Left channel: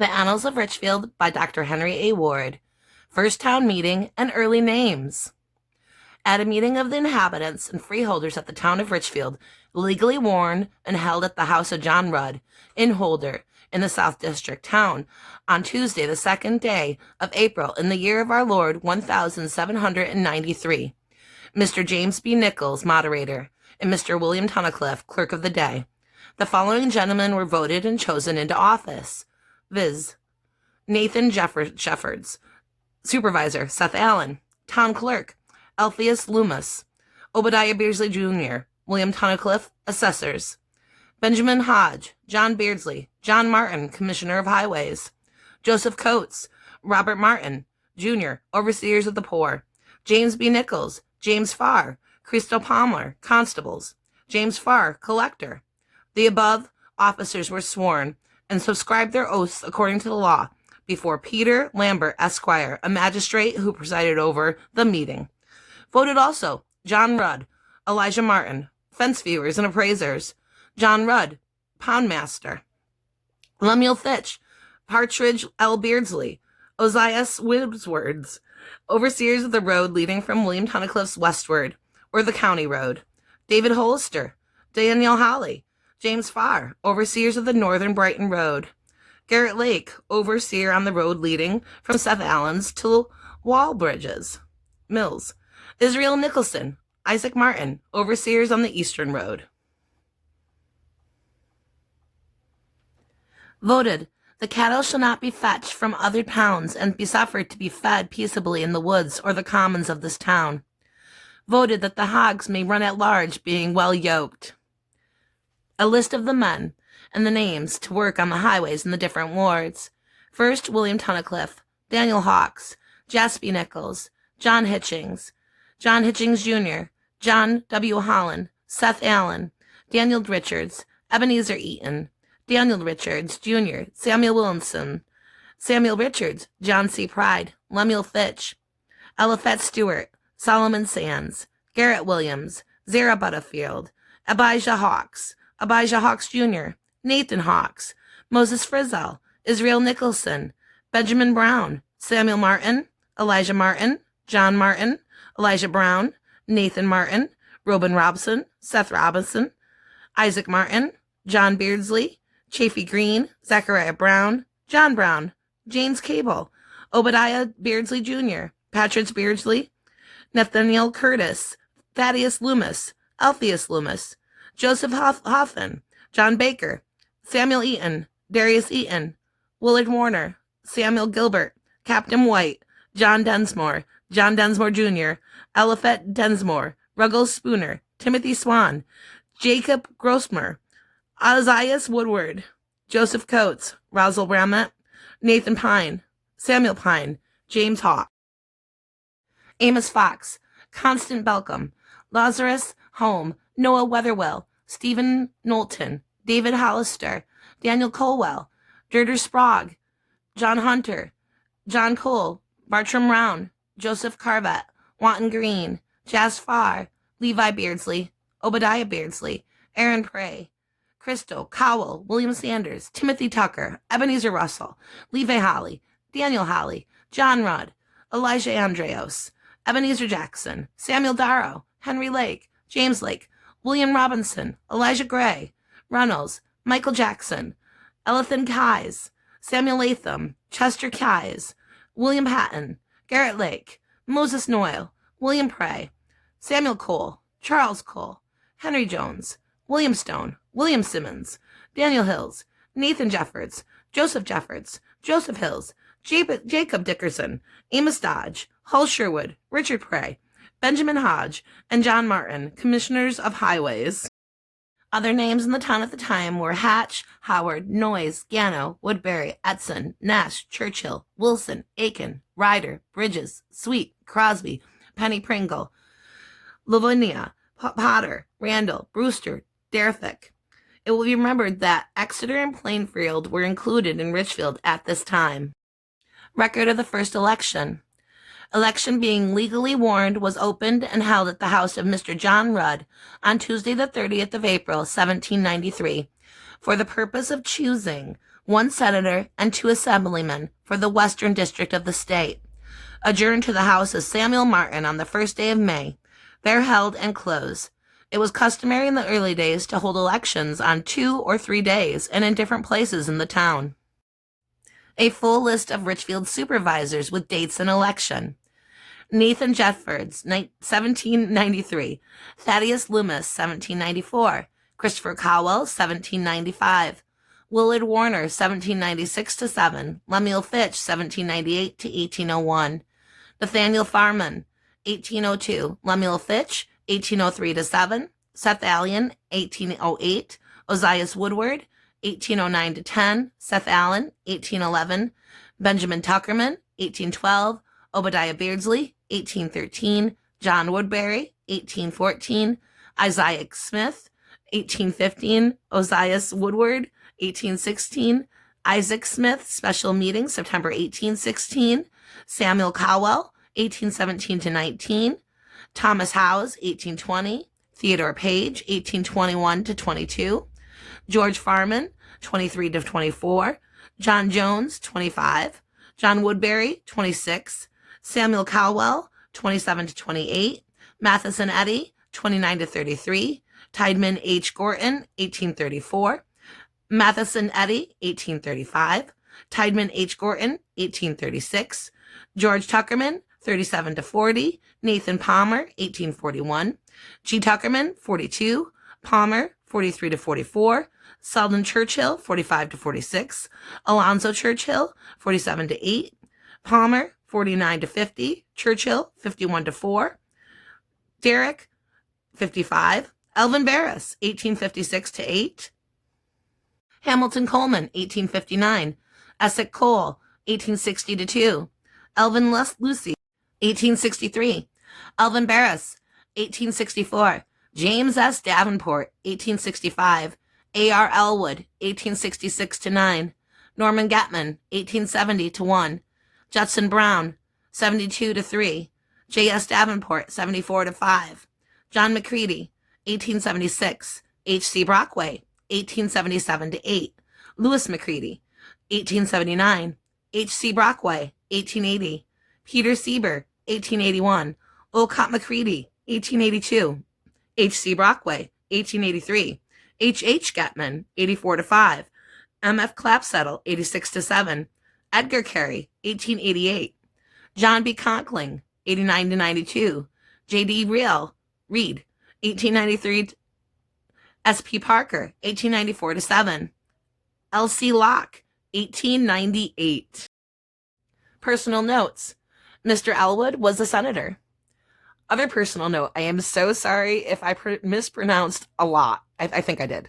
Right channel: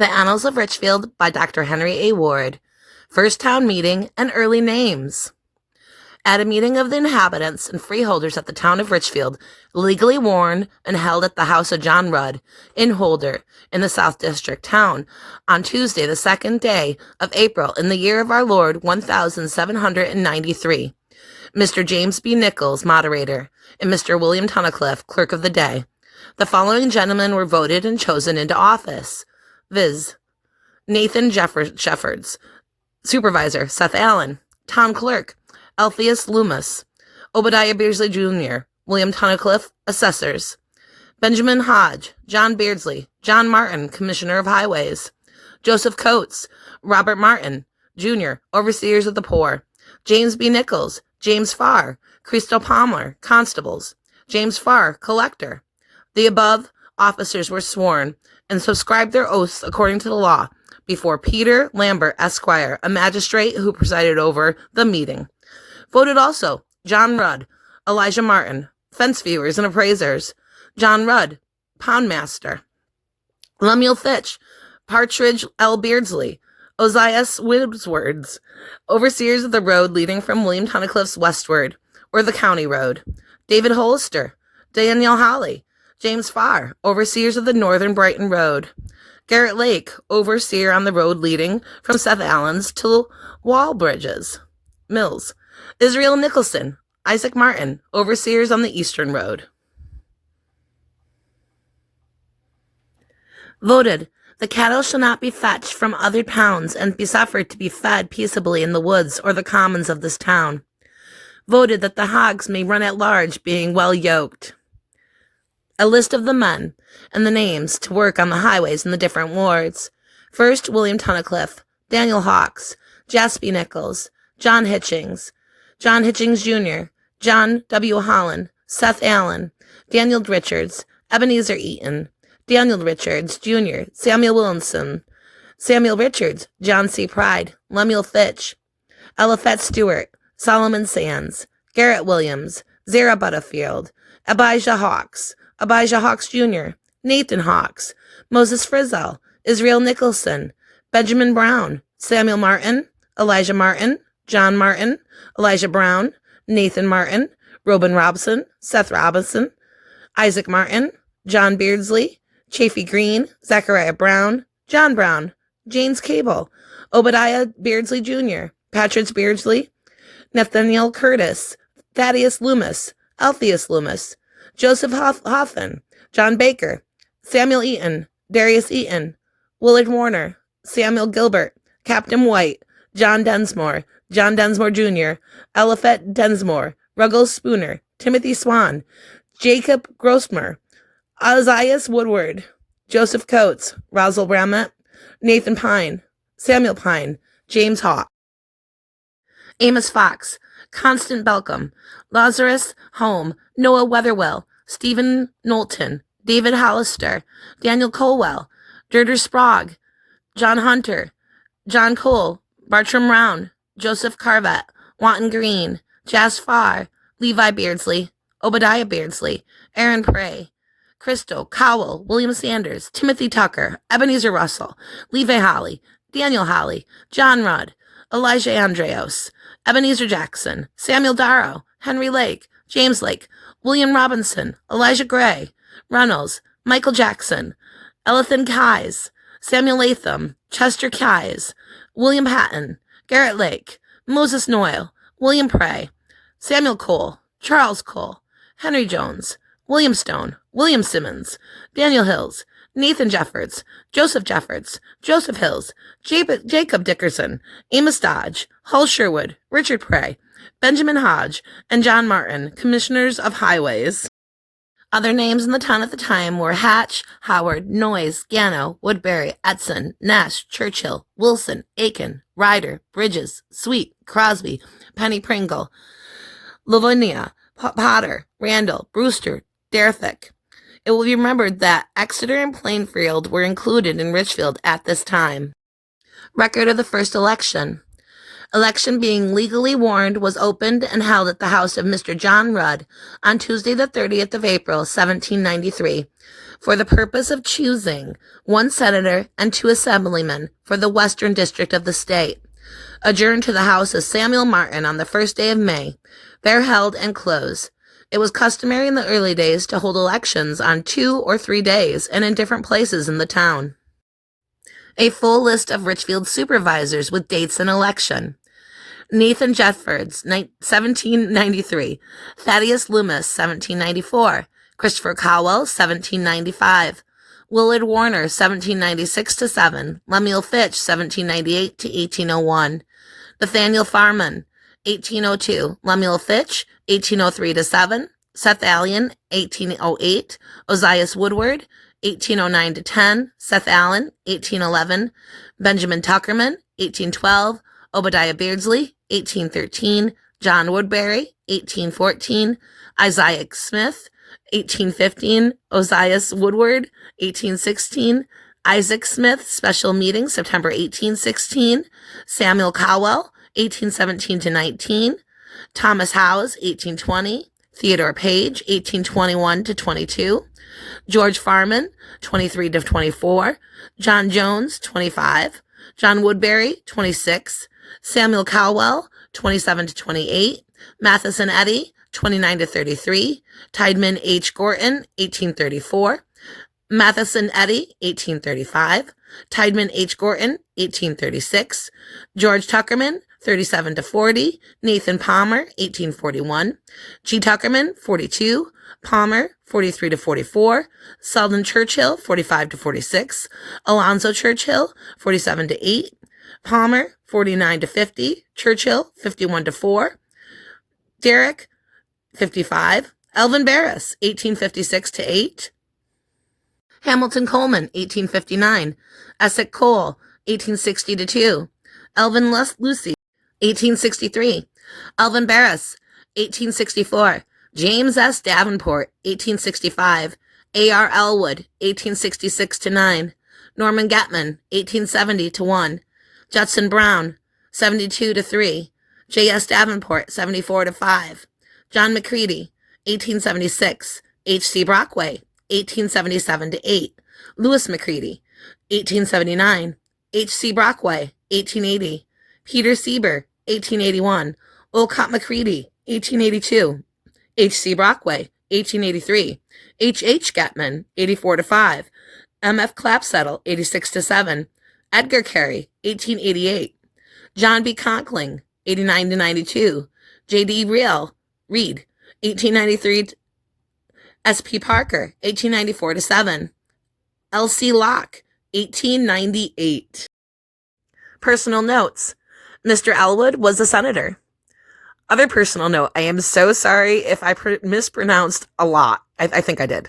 The Annals of Richfield by Dr. Henry A. Ward. First town meeting and early names. At a meeting of the inhabitants and freeholders at the town of Richfield, legally warned and held at the house of John Rudd, in Holder, in the South District town, on Tuesday, the 2nd day of April, in the year of our Lord 1793. Mr. James B. Nichols, moderator, and Mr. William Tunnicliffe, clerk of the day. The following gentlemen were voted and chosen into office, viz. Nathan Sheffords, supervisor, Seth Allen, town clerk, Alpheus Loomis, Obadiah Beardsley Jr., William Tunnicliffe, assessors, Benjamin Hodge, John Beardsley, John Martin, commissioner of highways, Joseph Coates, Robert Martin, Jr., overseers of the poor, James B. Nichols, James Farr, Christo Palmer, constables, James Farr, collector. The above officers were sworn and subscribed their oaths according to the law before Peter Lambert, Esquire, a magistrate who presided over the meeting. Voted also John Rudd, Elijah Martin, fence viewers and appraisers, John Rudd, pondmaster, Lemuel Fitch, Partridge L. Beardsley, Ozias Woodwards, overseers of the road leading from William Tunnicliffe's westward, or the county road, David Hollister, Daniel Holly, James Farr, overseers of the northern Brighton Road, Garrett Lake, overseer on the road leading from Seth Allen's to Wallbridges Mills, Israel Nicholson, Isaac Martin, overseers on the eastern road. Voted, the cattle shall not be fetched from other towns and be suffered to be fed peaceably in the woods or the commons of this town. Voted that the hogs may run at large, being well yoked. A list of the men and the names to work on the highways in the different wards. First, William Tunnicliffe, Daniel Hawks, Jaspy Nichols, John Hitchings Jr., John W. Holland, Seth Allen, Daniel Richards, Ebenezer Eaton, Daniel Richards, Jr., Samuel Williamson, Samuel Richards, John C. Pride, Lemuel Fitch, Eliphalet Stewart, Solomon Sands, Garrett Williams, Zara Butterfield, Abijah Hawks Jr., Nathan Hawks, Moses Frizzell, Israel Nicholson, Benjamin Brown, Samuel Martin, Elijah Martin, John Martin, Elijah Brown, Nathan Martin, Robin Robson, Seth Robinson, Isaac Martin, John Beardsley, Chafee Green, Zechariah Brown, John Brown, James Cable, Obadiah Beardsley Jr., Patrick Beardsley, Nathaniel Curtis, Thaddeus Loomis, Alpheus Loomis, Joseph Hoffman, John Baker, Samuel Eaton, Darius Eaton, Willard Warner, Samuel Gilbert, Captain White, John Densmore Jr., Eliphalet Densmore, Ruggles Spooner, Timothy Swan, Jacob Grossmer, Ozias Woodward, Joseph Coates, Rosal Ramett, Nathan Pine, Samuel Pine, James Hawk, Amos Fox, Constant Belcom, Lazarus Home, Noah Weatherwell, Stephen Knowlton, David Hollister, Daniel Colwell, Durder Sprague, John Hunter, John Cole, Bartram Round, Joseph Carvet, Wanton Green, Jas Farr, Levi Beardsley, Obadiah Beardsley, Aaron Prey, Christo, Cowell, William Sanders, Timothy Tucker, Ebenezer Russell, Levi Holly, Daniel Holly, John Rudd, Elijah Andreos, Ebenezer Jackson, Samuel Darrow, Henry Lake, James Lake, William Robinson, Elijah Gray, Reynolds, Michael Jackson, Elithan Keyes, Samuel Latham, Chester Keyes, William Patton, Garrett Lake, Moses Noyle, William Prey, Samuel Cole, Charles Cole, Henry Jones, William Stone, William Simmons, Daniel Hills, Nathan Jeffords, Joseph Hills, Jacob Dickerson, Amos Dodge, Hull Sherwood, Richard Prey, Benjamin Hodge, and John Martin, commissioners of highways. Other names in the town at the time were Hatch, Howard, Noyes, Gano, Woodbury, Edson, Nash, Churchill, Wilson, Aiken, Ryder, Bridges, Sweet, Crosby, Penny Pringle, Livonia, Potter, Randall, Brewster, Derthick. It will be remembered that Exeter and Plainfield were included in Richfield at this time. Record of the first election. Election being legally warned was opened and held at the house of Mr. John Rudd on Tuesday the 30th of April, 1793. for the purpose of choosing 1 senator and 2 assemblymen for the Western District of the state. Adjourned to the house of Samuel Martin on the 1st day of May. There held and closed. It was customary in the early days to hold elections on 2 or 3 days and in different places in the town. A full list of Richfield supervisors with dates and election. Nathan Jeffords, 1793. Thaddeus Loomis, 1794. Christopher Cowell, 1795. Willard Warner, 1796-7. Lemuel Fitch, 1798-1801. Nathaniel Farman, 1802. Lemuel Fitch, 1803-7. Seth Allen, 1808. Ozias Woodward, 1809-10. Seth Allen, 1811. Benjamin Tuckerman, 1812. Obadiah Beardsley, 1813. John Woodbury, 1814. Isaiah Smith, 1815. Ozias Woodward, 1816. Isaac Smith, special meeting, September 1816. Samuel Cowell, 1817-19. Thomas Howes, 1820. Theodore Page, 1821-22. George Farman, 23-24. John Jones, 25. John Woodbury, 26. Samuel Cowell, 27-28. Matheson Eddy, 29-33. Tideman H. Gorton, 1834. Matheson Eddy, 1835. Tideman H. Gorton, 1836. George Tuckerman, 37-40. Nathan Palmer, 1841. G. Tuckerman, 42. Palmer, 43-44. Selden Churchill, 45-46. Alonzo Churchill, 47-8. Palmer, 49-50. Churchill, 51-4. Derrick, 55. Elvin Barris, 1856-8. Hamilton Coleman, 1859. Essex Cole, 1860-2. Elvin Lucy, 1863. Elvin Barris, 1864. James S. Davenport, 1865. A.R. Elwood, 1866-9. Norman Getman, 1870-1. Judson Brown, 72-3. J.S. Davenport, 74-5. John McCready, 1876. H.C. Brockway, 1877-8. Lewis McCready, 1879. H.C. Brockway, 1880. Peter Sieber, 1881. Olcott McCready, 1882. H.C. Brockway, 1883. H.H. Getman, 84-5. M.F. Clapsettle, 86-7. Edgar Carey, 1888. John B. Conkling, 89-92. J.D. Reed, 1893. S.P. Parker, 1894-7. L.C. Locke, 1898. Personal notes. Mr. Elwood was a senator. Other personal note, I am so sorry if I mispronounced a lot. I think I did.